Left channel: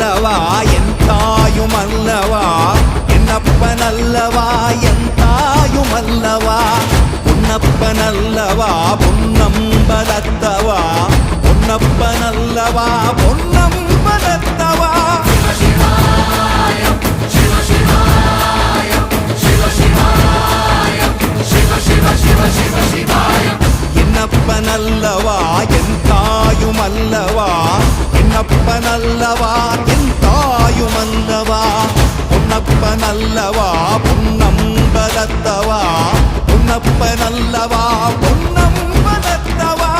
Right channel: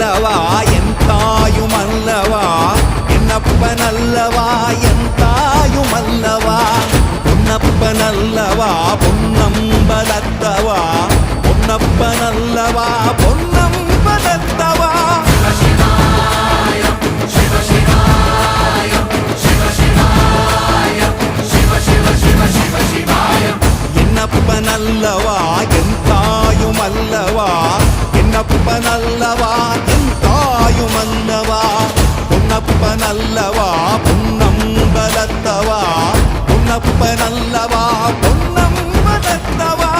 அல்லவா என் தாயும் அல்லவா என்னப்பன் அல்லவா என் தாயும் அல்லவா பொன்னப்பன் அல்லவா பொன்னம்பலத்தவா பொன்னப்பன் அல்லவா பொன்னம்பலத்தவா என்னப்பன் அல்லவா என் தாயும் அல்லவா என்னப்பன் அல்லவா என் தாயும் அல்லவா பொன்னப்பன் அல்லவா பொன்னம்பலத்தவா பொன்னப்பன் அல்லவா பொன்னம்பலத்தவா